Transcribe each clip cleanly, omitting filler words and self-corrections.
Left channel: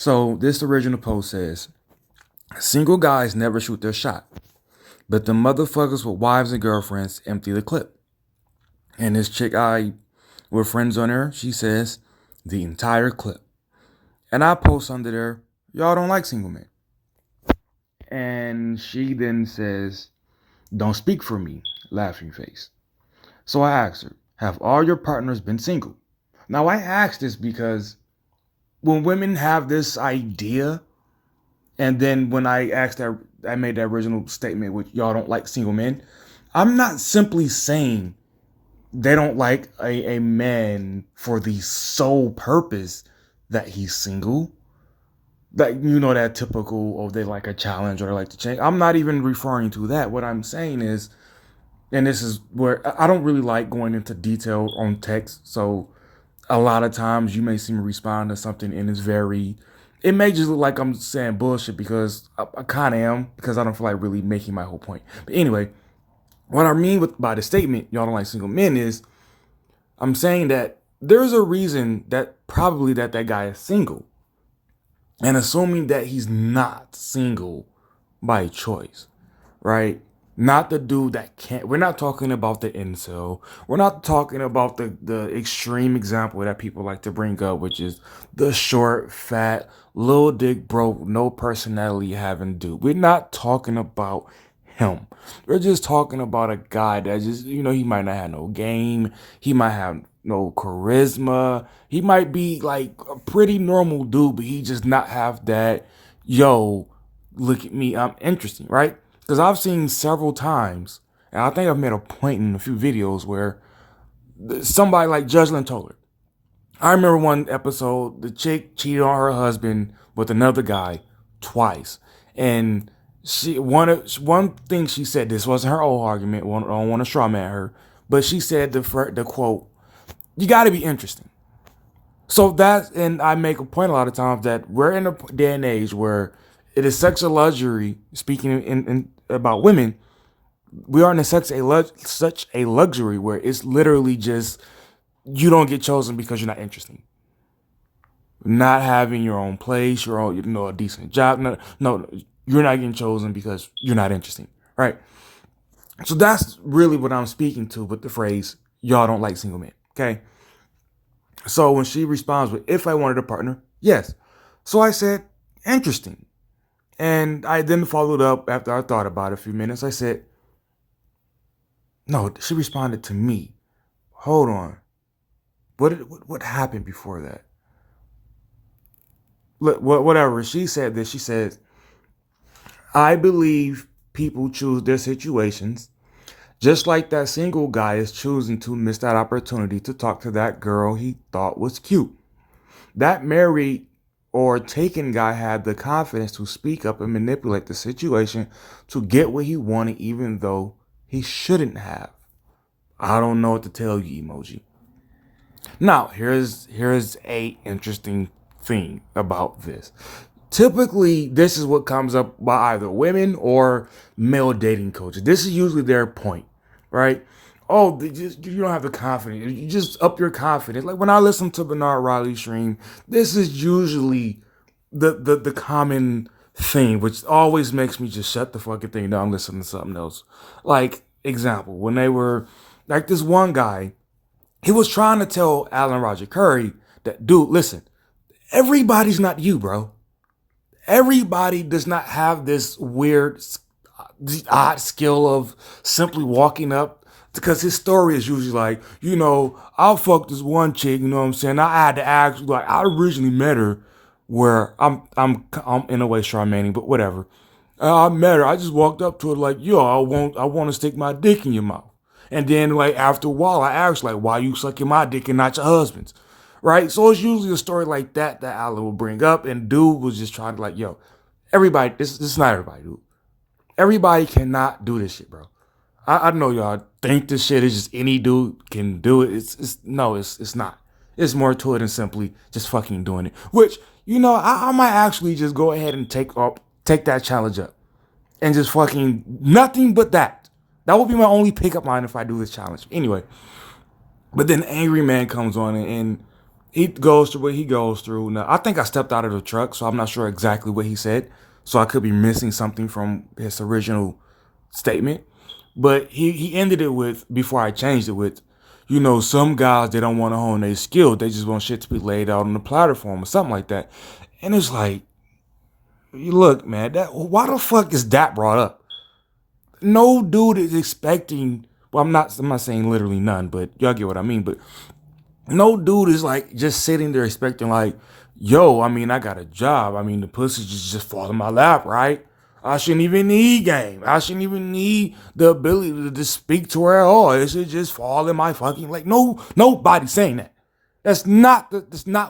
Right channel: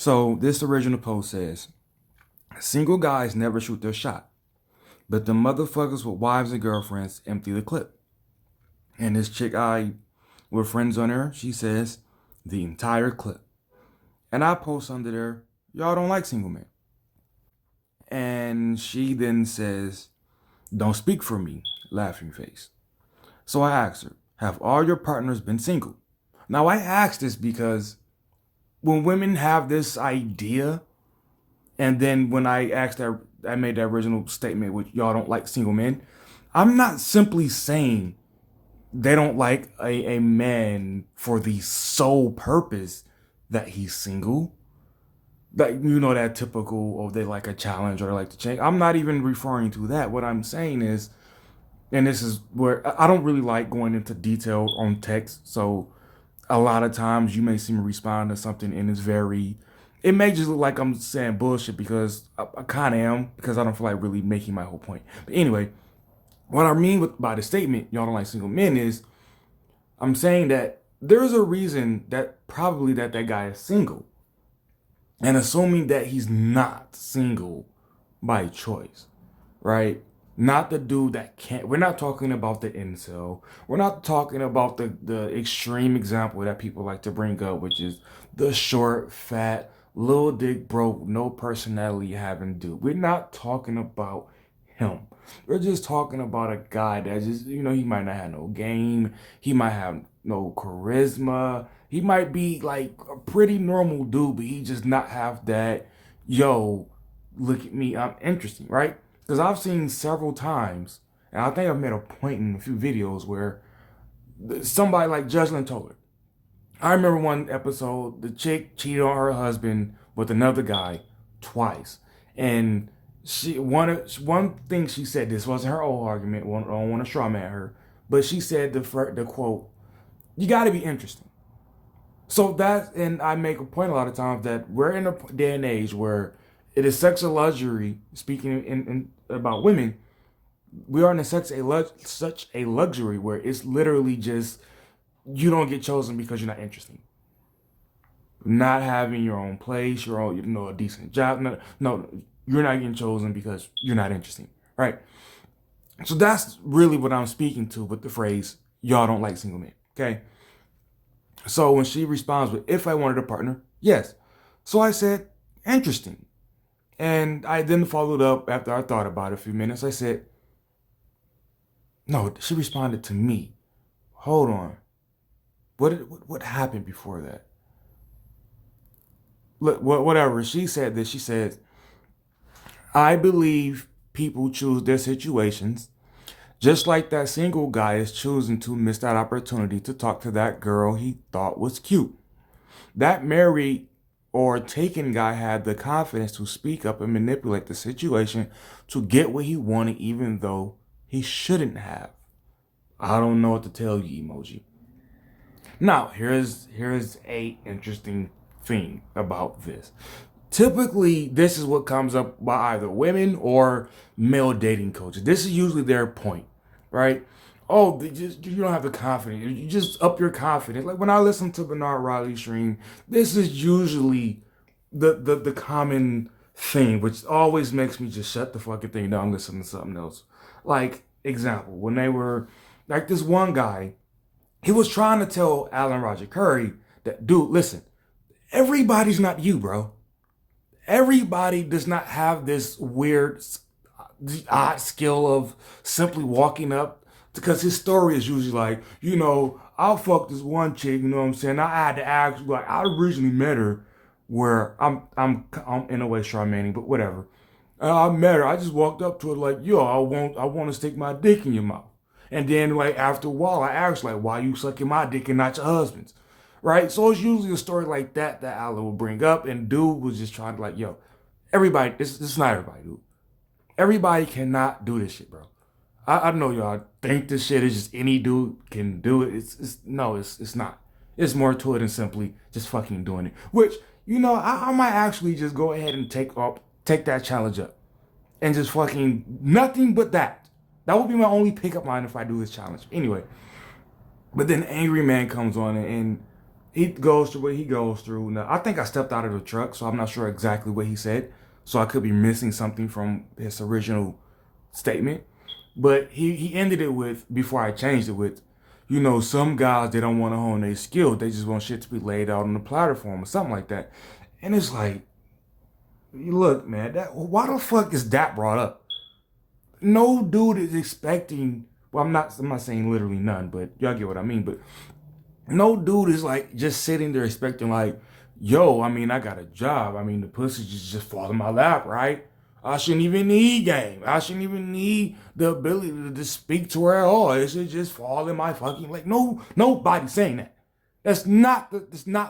So this original post says, single guys never shoot their shot, but the motherfuckers with wives and girlfriends empty the clip. And this chick we're friends on her, she says, the entire clip. And I post under there, y'all don't like single men. And she then says, don't speak for me, laughing face. So I asked her, have all your partners been single? Now I asked this because when women have this idea, and then when I asked that, I made that original statement with y'all don't like single men, I'm not simply saying they don't like a man for the sole purpose that he's single. That, that typical, oh, they like a challenge or they like to change. I'm not even referring to that. What I'm saying is, and this is where I don't really like going into detail on text. So a lot of times you may see me respond to something and it may just look like I'm saying bullshit because I kind of am, because I don't feel like really making my whole point. But anyway, what I mean by the statement, y'all don't like single men, is I'm saying that there's a reason that probably that guy is single. And assuming that he's not single by choice, right? Not the dude that can't. We're not talking about the incel. We're not talking about the extreme example that people like to bring up, which is the short, fat, little dick, broke, no personality having dude. We're not talking about him. We're just talking about a guy that just, he might not have no game. He might have no charisma. He might be like a pretty normal dude, but he just not have that, yo, look at me, I'm interesting, right? Because I've seen several times, and I think I've made a point in a few videos where somebody like Judgland Toller. I remember one episode, the chick cheated on her husband with another guy twice. And one thing she said, this wasn't her old argument, I don't want to straw man her, but she said the quote, you got to be interesting. So and I make a point a lot of times that we're in a day and age where it is such a luxury, speaking in about women, we are in such a luxury where it's literally just, you don't get chosen because you're not interesting. Not having your own place, your own, a decent job. No, you're not getting chosen because you're not interesting, right? So that's really what I'm speaking to with the phrase, y'all don't like single men, okay? So when she responds with, if I wanted a partner, yes. So I said, interesting. And I then followed up after I thought about it a few minutes. I said, no, she responded to me. Hold on. What happened before that? Look, whatever. She said this. She said, I believe people choose their situations just like that single guy is choosing to miss that opportunity to talk to that girl he thought was cute. That married or taken guy had the confidence to speak up and manipulate the situation to get what he wanted, even though he shouldn't have. I don't know what to tell you, emoji. Now, here's a interesting thing about this. Typically, this is what comes up by either women or male dating coaches. This is usually their point, right? Oh, you don't have the confidence. You just up your confidence. Like when I listen to Bernard Riley stream, this is usually the common thing, which always makes me just shut the fucking thing down and listen to something else. Like, example, when they were, like this one guy, he was trying to tell Alan Roger Curry that, dude, listen, everybody's not you, bro. Everybody does not have this weird, odd skill of simply walking up, because his story is usually like, I'll fuck this one chick, you know what I'm saying? I had to ask, like, I originally met her where I'm in a way Charmaining, but whatever. I met her. I just walked up to her like, yo, I want to stick my dick in your mouth. And then like after a while, I asked like, why you sucking my dick and not your husband's? Right? So it's usually a story like that Alan will bring up. And dude was just trying to like, yo, everybody, this is not everybody, dude. Everybody cannot do this shit, bro. I know y'all think this shit is just any dude can do it. It's not. It's more to it than simply just fucking doing it. Which, I might actually just go ahead and take that challenge up. And just fucking nothing but that. That would be my only pickup line if I do this challenge. Anyway. But then Angry Man comes on and he goes through what he goes through. Now, I think I stepped out of the truck, so I'm not sure exactly what he said. So I could be missing something from his original statement. But he ended it with, before I changed it with, some guys, they don't want to hone their skill. They just want shit to be laid out on the platform or something like that. And it's like, look, man, why the fuck is that brought up? No dude is expecting, well, I'm not saying literally none, but y'all get what I mean. But no dude is like just sitting there expecting like, yo, I mean, I got a job. I mean, the pussy just fall in my lap, right? I shouldn't even need game. I shouldn't even need the ability to just speak to her at all. It should just fall in my fucking like. No, nobody's saying that. That's not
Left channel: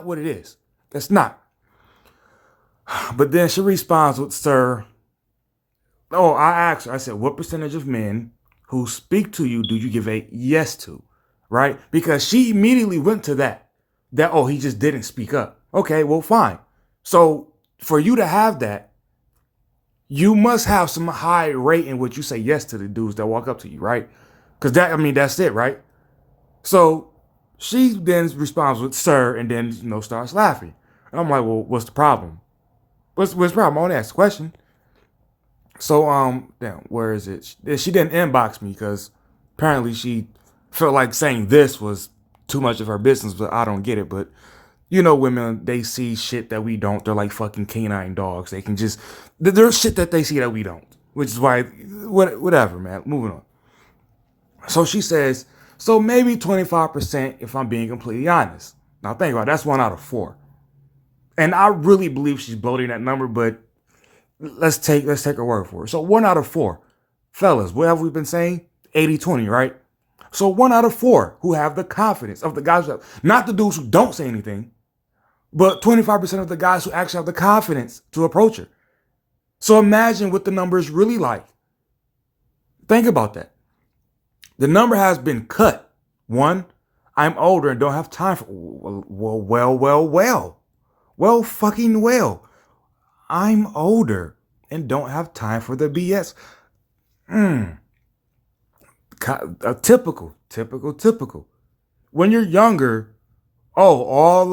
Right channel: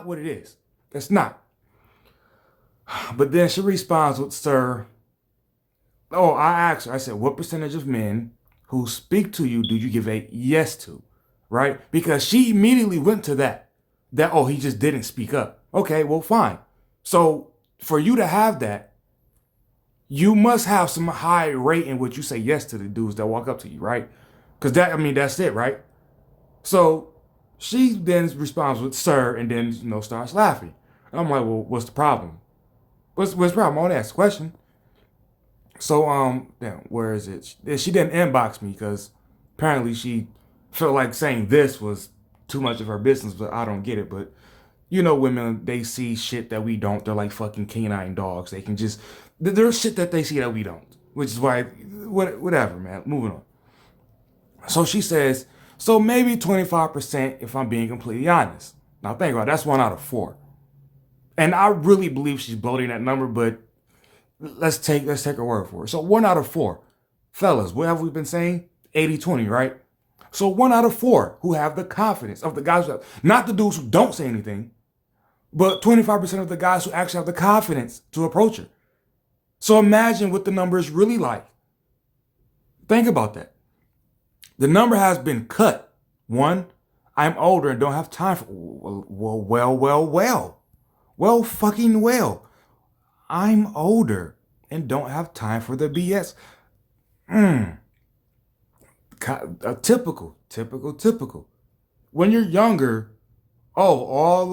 what it is. That's not. But then she responds with, "Sir, oh, I asked her. I said, what percentage of men who speak to you do you give a yes to?" Right? Because she immediately went to that. That, oh, he just didn't speak up. Okay, well, fine. So for you to have that, you must have some high rate in what you say yes to the dudes that walk up to you, right? Because that's it, right? So she then responds with "sir" and then starts laughing. And I'm like, well, what's the problem? What's the problem? I want to ask a question. So damn, where is it? She didn't inbox me because apparently she felt like saying this was too much of her business, but I don't get it. But women, they see shit that we don't. They're like fucking canine dogs. They can just there's shit that they see that we don't, which is why whatever, man. Moving on. So she says, so maybe 25% if I'm being completely honest. Now think about it, that's 1 out of 4. And I really believe she's bloating that number, but let's take her word for it. So 1 out of 4. Fellas, what have we been saying? 80-20, right? So 1 out of 4 who have the confidence of the guys not the dudes who don't say anything, but 25% of the guys who actually have the confidence to approach her. So imagine what the number is really like. Think about that. The number has been cut. 1, I'm older and don't have time for, well, fucking well. I'm older and don't have time for the BS. Typical. When you're younger, oh, all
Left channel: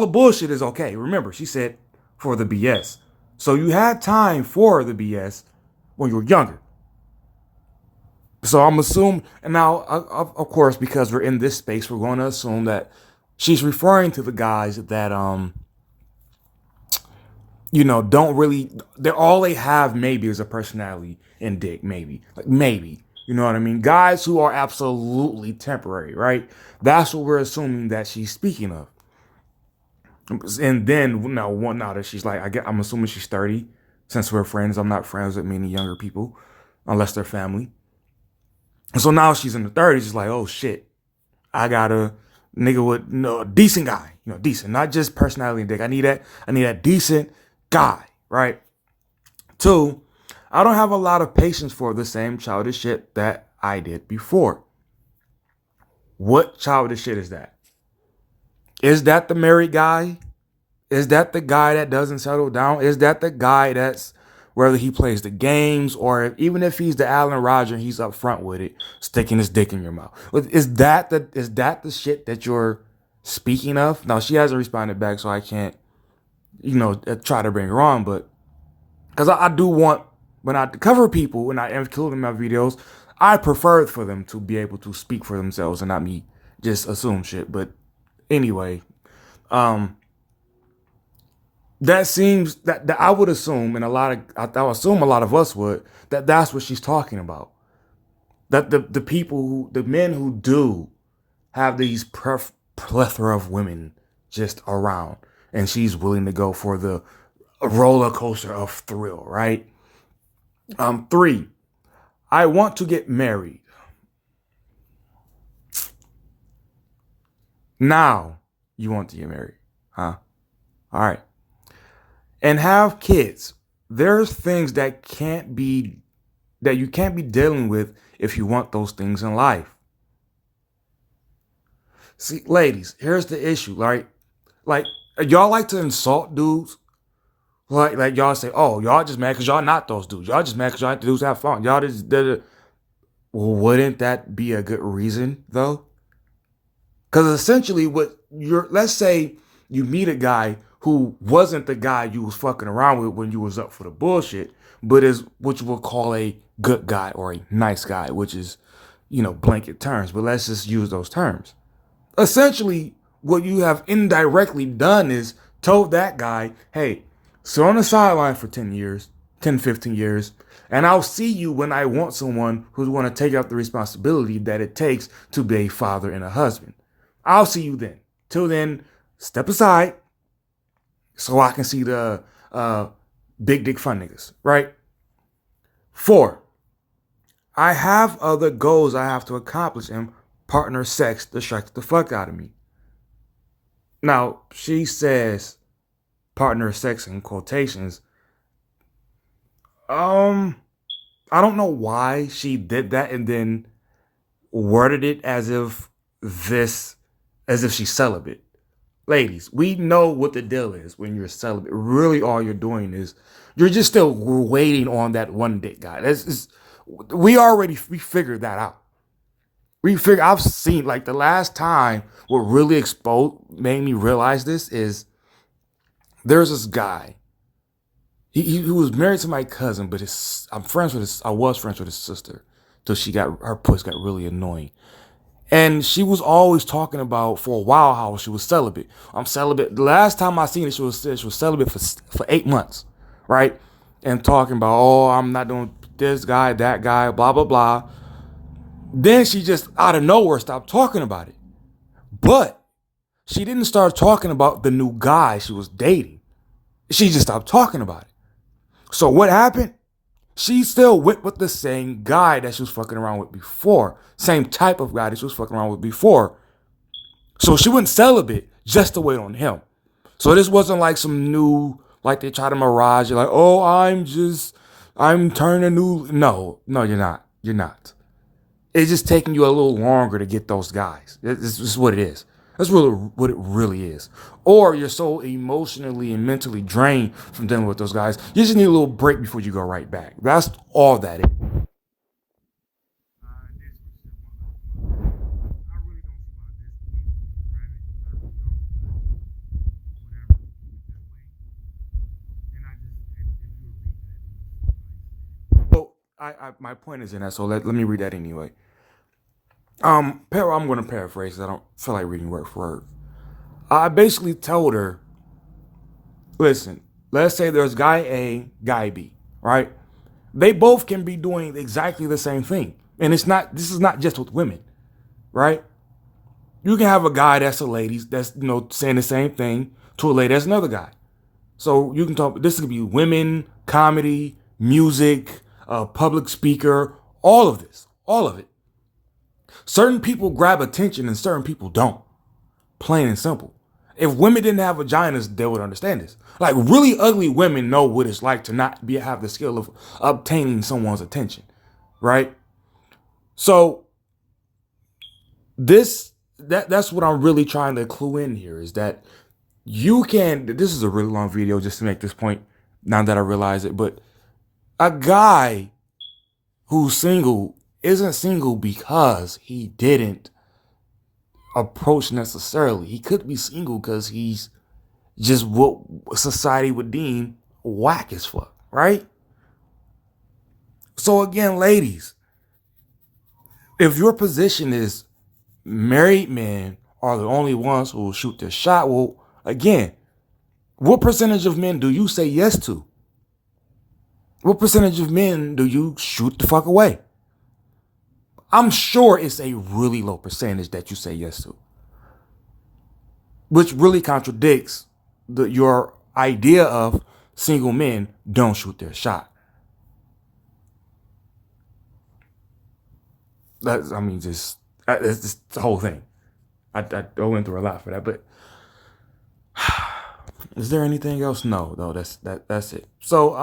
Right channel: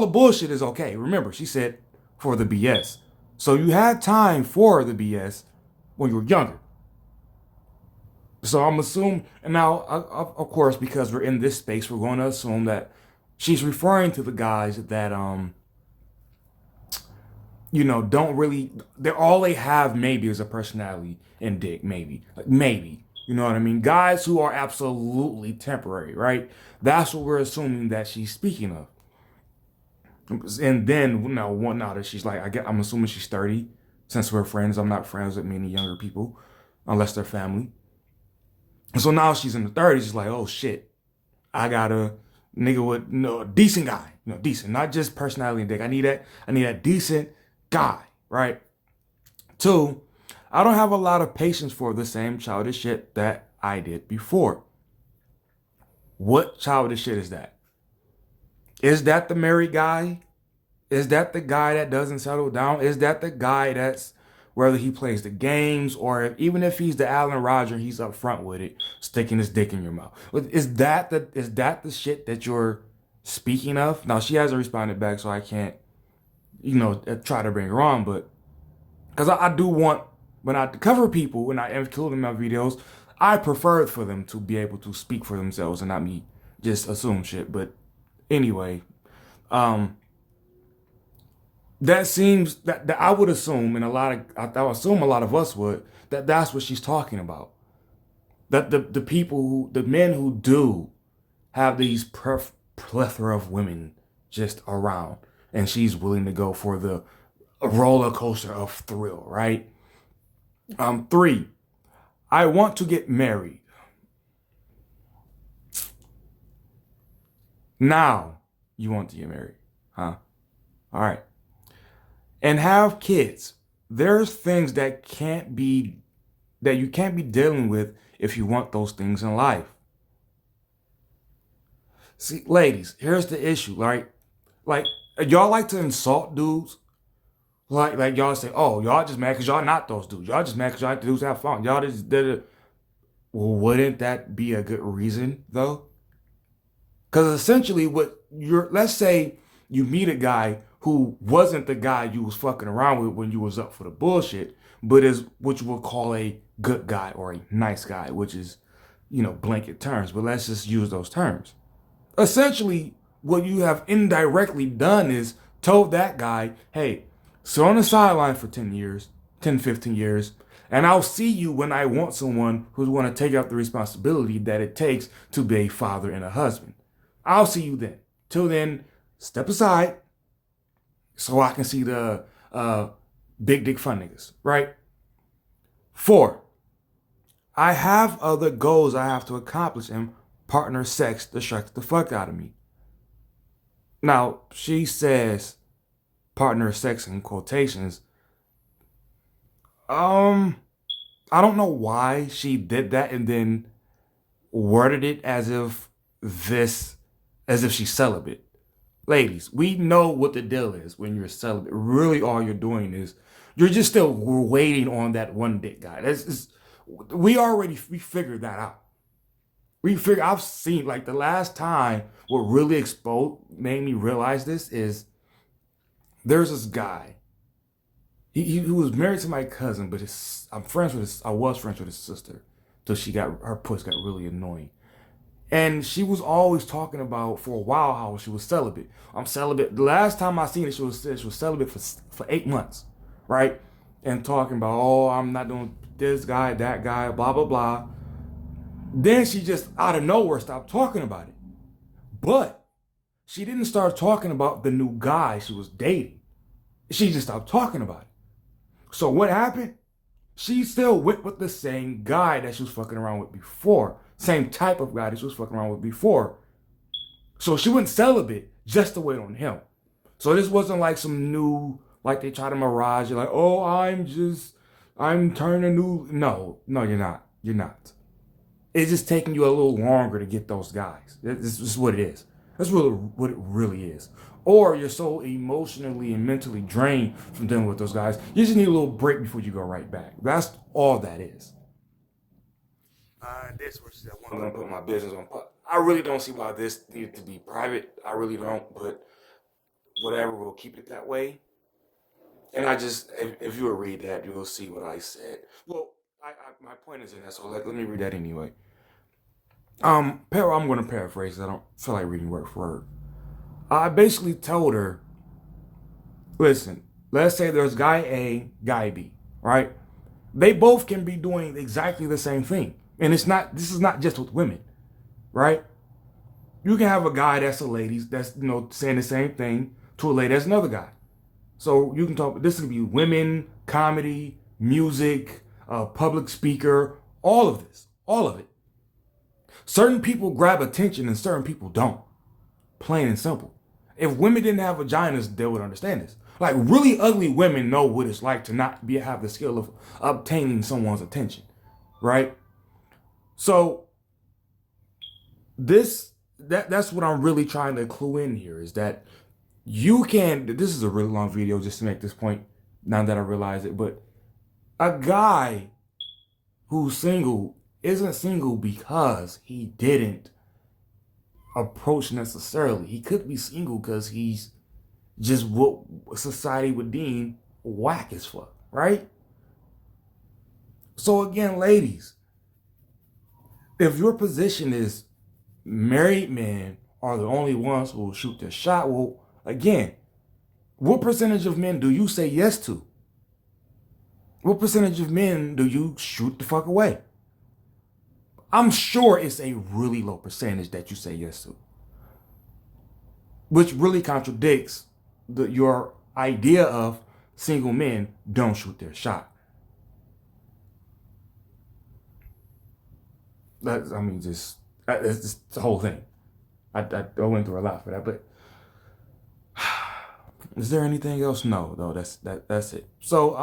the bullshit is okay. Remember, she said for the BS. So you had time for the BS when you were younger. So I'm assuming, and now, of course, because we're in this space, we're going to assume that she's referring to the guys that don't really, they're all they have maybe is a personality and dick, maybe. Like maybe. You know what I mean? Guys who are absolutely temporary, right? That's what we're assuming that she's speaking of. And then now that she's like, I'm assuming she's 30. Since we're friends, I'm not friends with many younger people, unless they're family. And so now she's in the 30s, she's like, oh shit, I got a nigga with a decent guy, decent, not just personality and dick. I need that decent guy, right? 2, I don't have a lot of patience for the same childish shit that I did before. What childish shit is that? Is that the married guy? Is that the guy that doesn't settle down? Is that the guy that's, whether he plays the games or even if he's the Allen Roger, he's up front with it, sticking his dick in your mouth? Is that the shit that you're speaking of? Now, she hasn't responded back, so I can't, try to bring her on, but because I do want, when I cover people, when I include in my videos, I prefer for them to be able to speak for themselves and not me just assume shit. But anyway, that seems that I would assume, and I assume a lot of us would, that's what she's talking about. That the people the men who do have these plethora of women just around, and she's willing to go for the roller coaster of thrill, right? 3, I want to get married. Now you want to get married, huh? All right. And have kids. There's things that you can't be dealing with if you want those things in life. See, ladies, here's the issue, right? Like, y'all like to insult dudes. Like y'all say, oh, y'all just mad because y'all not those dudes. Y'all just mad because y'all like the dudes have fun. Y'all just well, wouldn't that be a good reason though? Because essentially, what let's say you meet a guy who wasn't the guy you was fucking around with when you was up for the bullshit, but is what you would call a good guy or a nice guy, which is, blanket terms. But let's just use those terms. Essentially, what you have indirectly done is told that guy, hey, sit on the sideline for 10 years, 10, 15 years, and I'll see you when I want someone who's going to take up the responsibility that it takes to be a father and a husband. I'll see you then. Till then, step aside so I can see the big dick fun niggas, right? 4, I have other goals I have to accomplish, and partner sex distracts the fuck out of me. Now, she says partner sex in quotations. I don't know why she did that and then worded it as if she's celibate. Ladies, we know what the deal is when you're celibate. Really, all you're doing is you're just still waiting on that one dick guy. We figured that out. I've seen, like, the last time what really made me realize this is there's this guy. He was married to my cousin, but I was friends with his sister till her puss got really annoying. And she was always talking about for a while how she was celibate. I'm celibate. The last time I seen it, she was celibate for 8 months, right? And talking about, oh, I'm not doing this guy, that guy, blah, blah, blah. Then she just out of nowhere stopped talking about it. But she didn't start talking about the new guy she was dating. She just stopped talking about it. So what happened? She still went with the same guy that she was fucking around with before. Same type of guy that she was fucking around with before. So she went celibate just to wait on him. So this wasn't like some new, like they try to mirage. You're like, oh, I'm turning new. No, you're not. You're not. It's just taking you a little longer to get those guys. This is what it is. That's really what it really is. Or you're so emotionally and mentally drained from dealing with those guys, you just need a little break before you go right back. That's all that is. This was I want to put my business on pause. I really don't see why this needed to be private. I really don't, but whatever, we'll keep it that way. And if you will read that, you will see what I said. Well, my point is in that, so let me read that anyway. I'm going to paraphrase. I don't feel like reading word for word. I basically told her, listen, let's say there's guy A, guy B, right? They both can be doing exactly the same thing. And this is not just with women, right? You can have a guy that's a lady that's, saying the same thing to a lady that's another guy. So you can talk, this could be women, comedy, music, public speaker, all of it. Certain people grab attention and certain people don't. Plain and simple. If women didn't have vaginas, they would understand this. Like, really ugly women know what it's like to not have the skill of obtaining someone's attention, right? So that's what I'm really trying to clue in here, is that this is a really long video just to make this point now that I realize it, but a guy who's single isn't single because he didn't approach necessarily. He could be single because he's just what society would deem whack as fuck, right? So again, ladies, if your position is married men are the only ones who will shoot their shot, well, again, what percentage of men do you say yes to? What percentage of men do you shoot the fuck away? I'm sure it's a really low percentage that you say yes to, which really contradicts your idea of single men don't shoot their shot. It's the whole thing. I went through a lot for that, but is there anything else? No, that's it. So,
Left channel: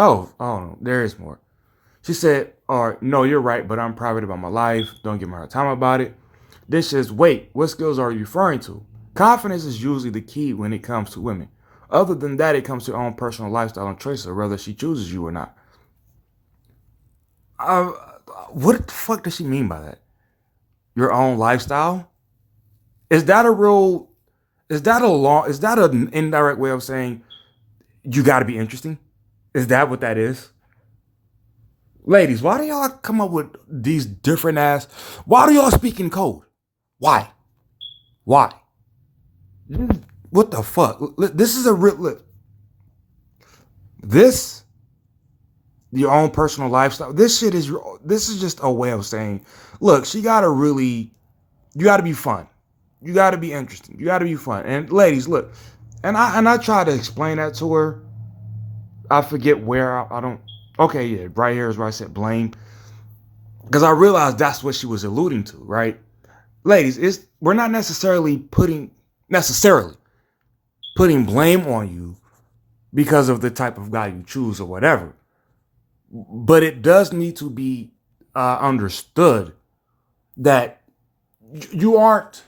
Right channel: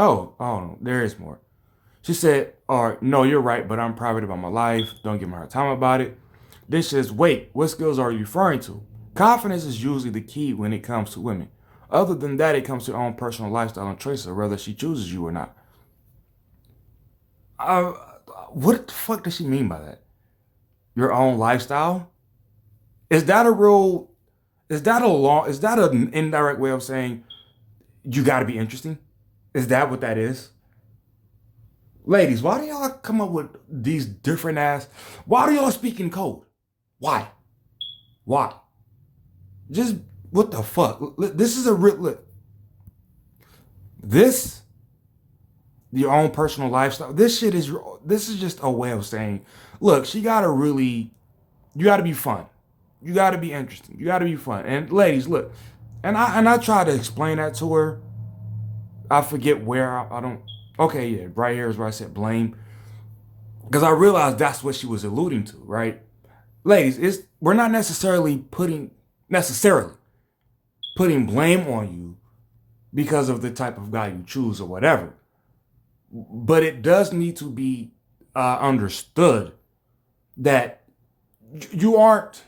oh, there is more. She said, no, you're right, but I'm private about my life. Don't give me a hard time about it. This is, wait, what skills are you referring to? Confidence is usually the key when it comes to women. Other than that, it comes to your own personal lifestyle and choices, whether she chooses you or not. What the fuck does she mean by that? your own lifestyle, is that a real, is that an indirect way of saying you got to be interesting? Is that what that is? Ladies, why do y'all come up with these different ass? Why do y'all speak in code? Why? Why? Just what the fuck? This is a real look. This your own personal lifestyle. This is just a way of saying, look, she gotta really, you gotta be fun. You gotta be interesting. You gotta be fun. And ladies, look, and I try to explain that to her. I forget where I don't. Okay, yeah, right here is where I said blame because I realized that's what she was alluding to, right? Ladies, we're not necessarily putting blame on you because of the type of guy you choose or whatever. But it does need to be understood that you aren't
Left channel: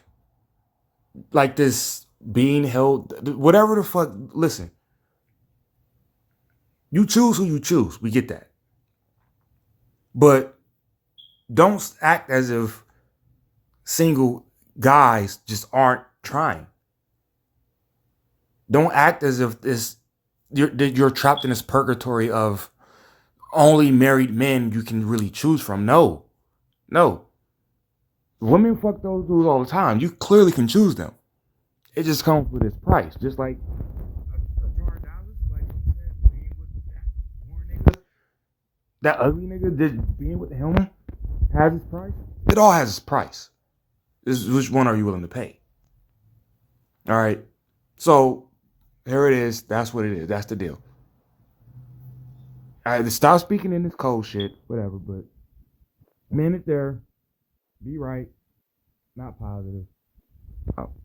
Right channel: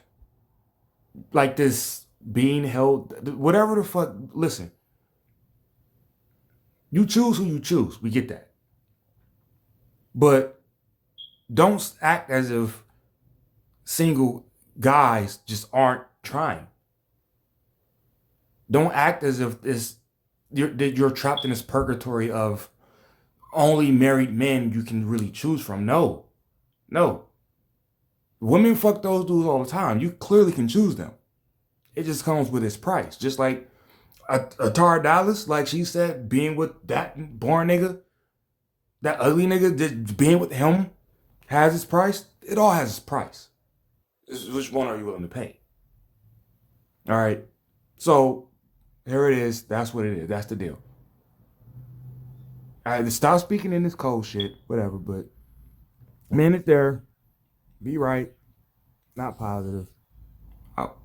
like this being held, whatever the fuck. Listen, you choose who you choose. We get that. But don't act as if single guys just aren't trying. Don't act as if you're trapped in this purgatory of only married men you can really choose from. No, no. Women fuck those dudes all the time. You clearly can choose them. It just comes with its price. Just like Tara Dallas, like she said, being with that born nigga, that ugly nigga, being with him has its price. It all has its price. Which one are you willing to pay? All right. So here it is. That's what it is. That's the deal. I had to stop speaking in this cold shit, whatever, but man it there. Be right. Not positive. Out.